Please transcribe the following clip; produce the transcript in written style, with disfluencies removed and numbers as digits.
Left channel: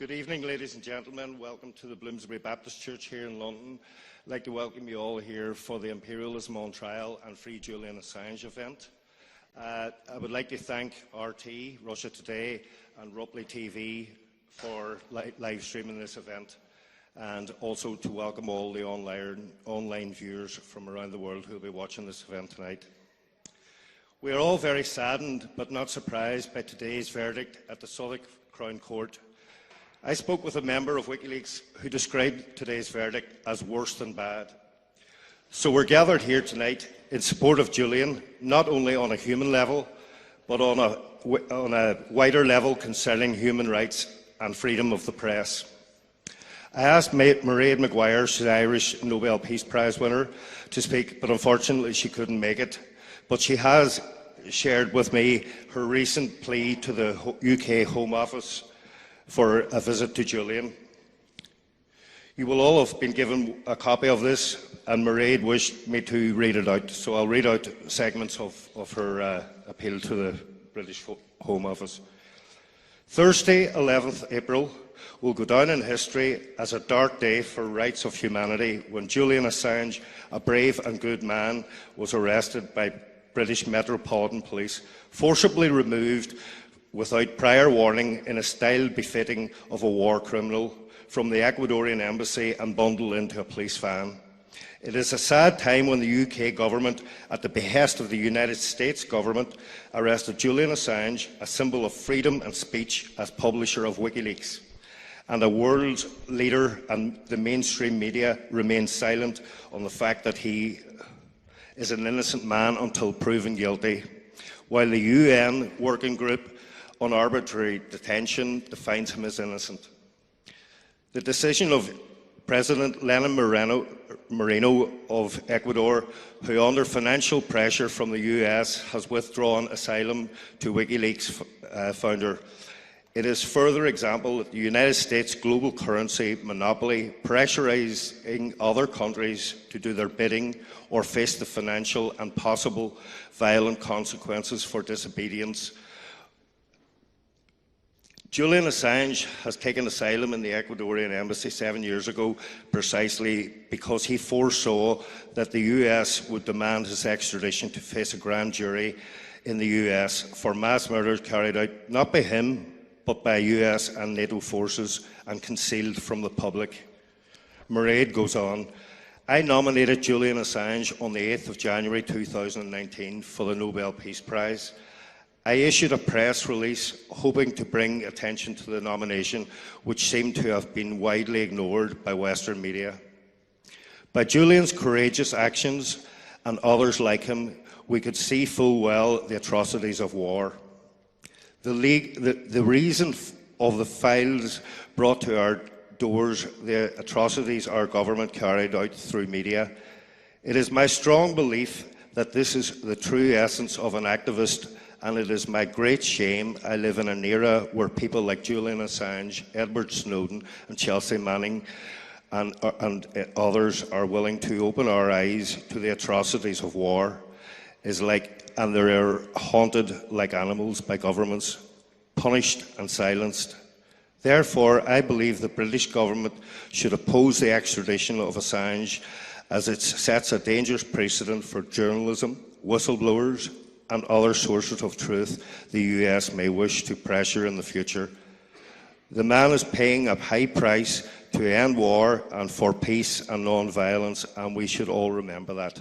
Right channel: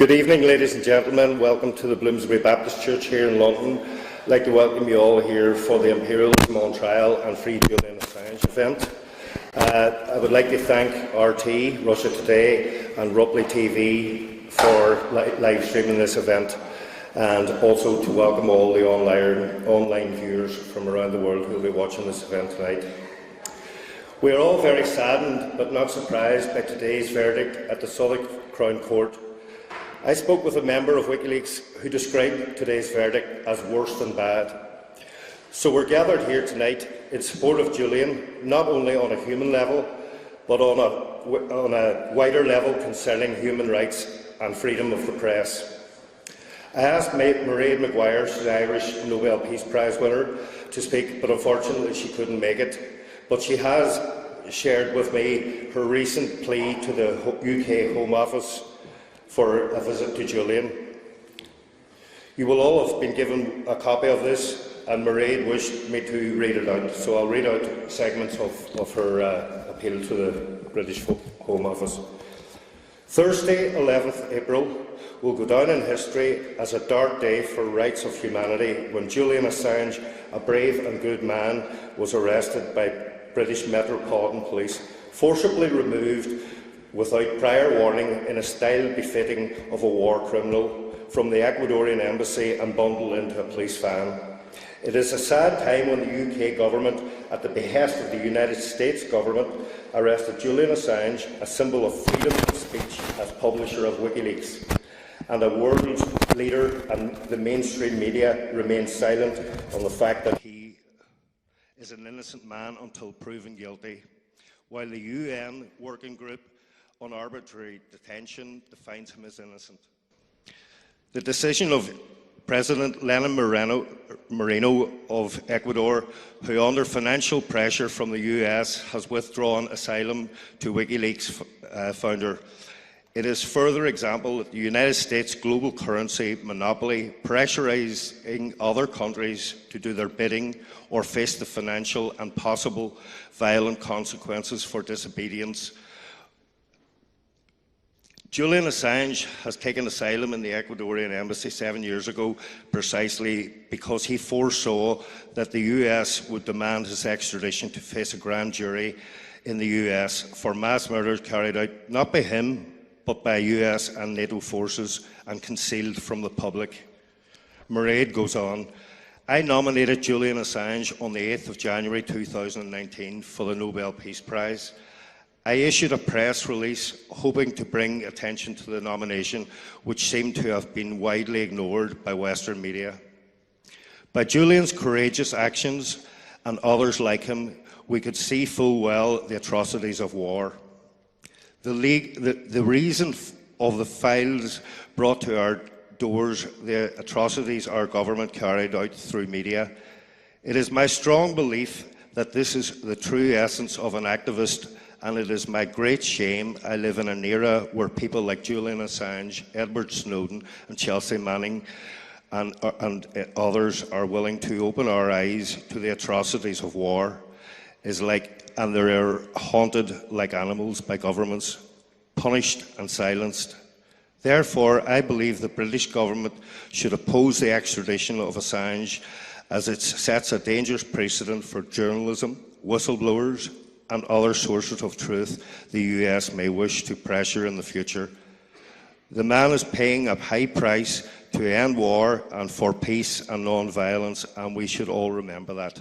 Good evening, ladies and gentlemen. Welcome to the Bloomsbury Baptist Church here in London. I'd like to welcome you all here for the Imperialism on Trial and Free Julian Assange event. I would like to thank RT, Russia Today and Rupley TV for live streaming this event, and also to welcome all the online viewers from around the world who will be watching this event tonight. We are all very saddened but not surprised by today's verdict at the Southwark Crown Court. I spoke with a member of WikiLeaks who described today's verdict as worse than bad. So we're gathered here tonight in support of Julian, not only on a human level, but on a wider level concerning human rights and freedom of the press. I asked Mairead Maguire, the Irish Nobel Peace Prize winner, to speak, but unfortunately she couldn't make it. But she has shared with me her recent plea to the UK Home Office for a visit to Julian. You will all have been given a copy of this, and Mairead wished me to read it out, so I'll read out segments of her appeal to the British Home Office. Thursday, 11th April, will go down in history as a dark day for rights of humanity when Julian Assange, a brave and good man, was arrested by British Metropolitan Police, forcibly removed without prior warning in a style befitting of a war criminal from the Ecuadorian embassy and bundled into a police van. It is a sad time when the UK government, at the behest of the United States government, arrested Julian Assange, a symbol of freedom of speech, as publisher of WikiLeaks, and a world leader and the mainstream media remain silent on the fact that he is an innocent man until proven guilty, while the UN Working Group on Arbitrary Detention defines him as innocent. The decision of President Lenin Moreno of Ecuador, who under financial pressure from the US has withdrawn asylum to WikiLeaks founder, it is further example that the United States global currency monopoly pressurizing other countries to do their bidding or face the financial and possible violent consequences for disobedience. Julian Assange has taken asylum in the Ecuadorian embassy 7 years ago precisely because he foresaw that the US would demand his extradition to face a grand jury in the US for mass murders carried out not by him but by US and NATO forces and concealed from the public. Mairead goes on, I nominated Julian Assange on the 8th of January 2019 for the Nobel Peace Prize. I issued a press release hoping to bring attention to the nomination, which seemed to have been widely ignored by Western media. By Julian's courageous actions and others like him, we could see full well the atrocities of war. The reason of the files brought to our doors, the atrocities our government carried out through media. It is my strong belief that this is the true essence of an activist, and it is my great shame I live in an era where people like Julian Assange, Edward Snowden and Chelsea Manning and others are willing to open our eyes to the atrocities of war, and they are haunted like animals by governments, punished and silenced. Therefore, I believe the British government should oppose the extradition of Assange, as it sets a dangerous precedent for journalism, whistleblowers and other sources of truth the US may wish to pressure in the future. The man is paying a high price to end war and for peace and non-violence, and we should all remember that.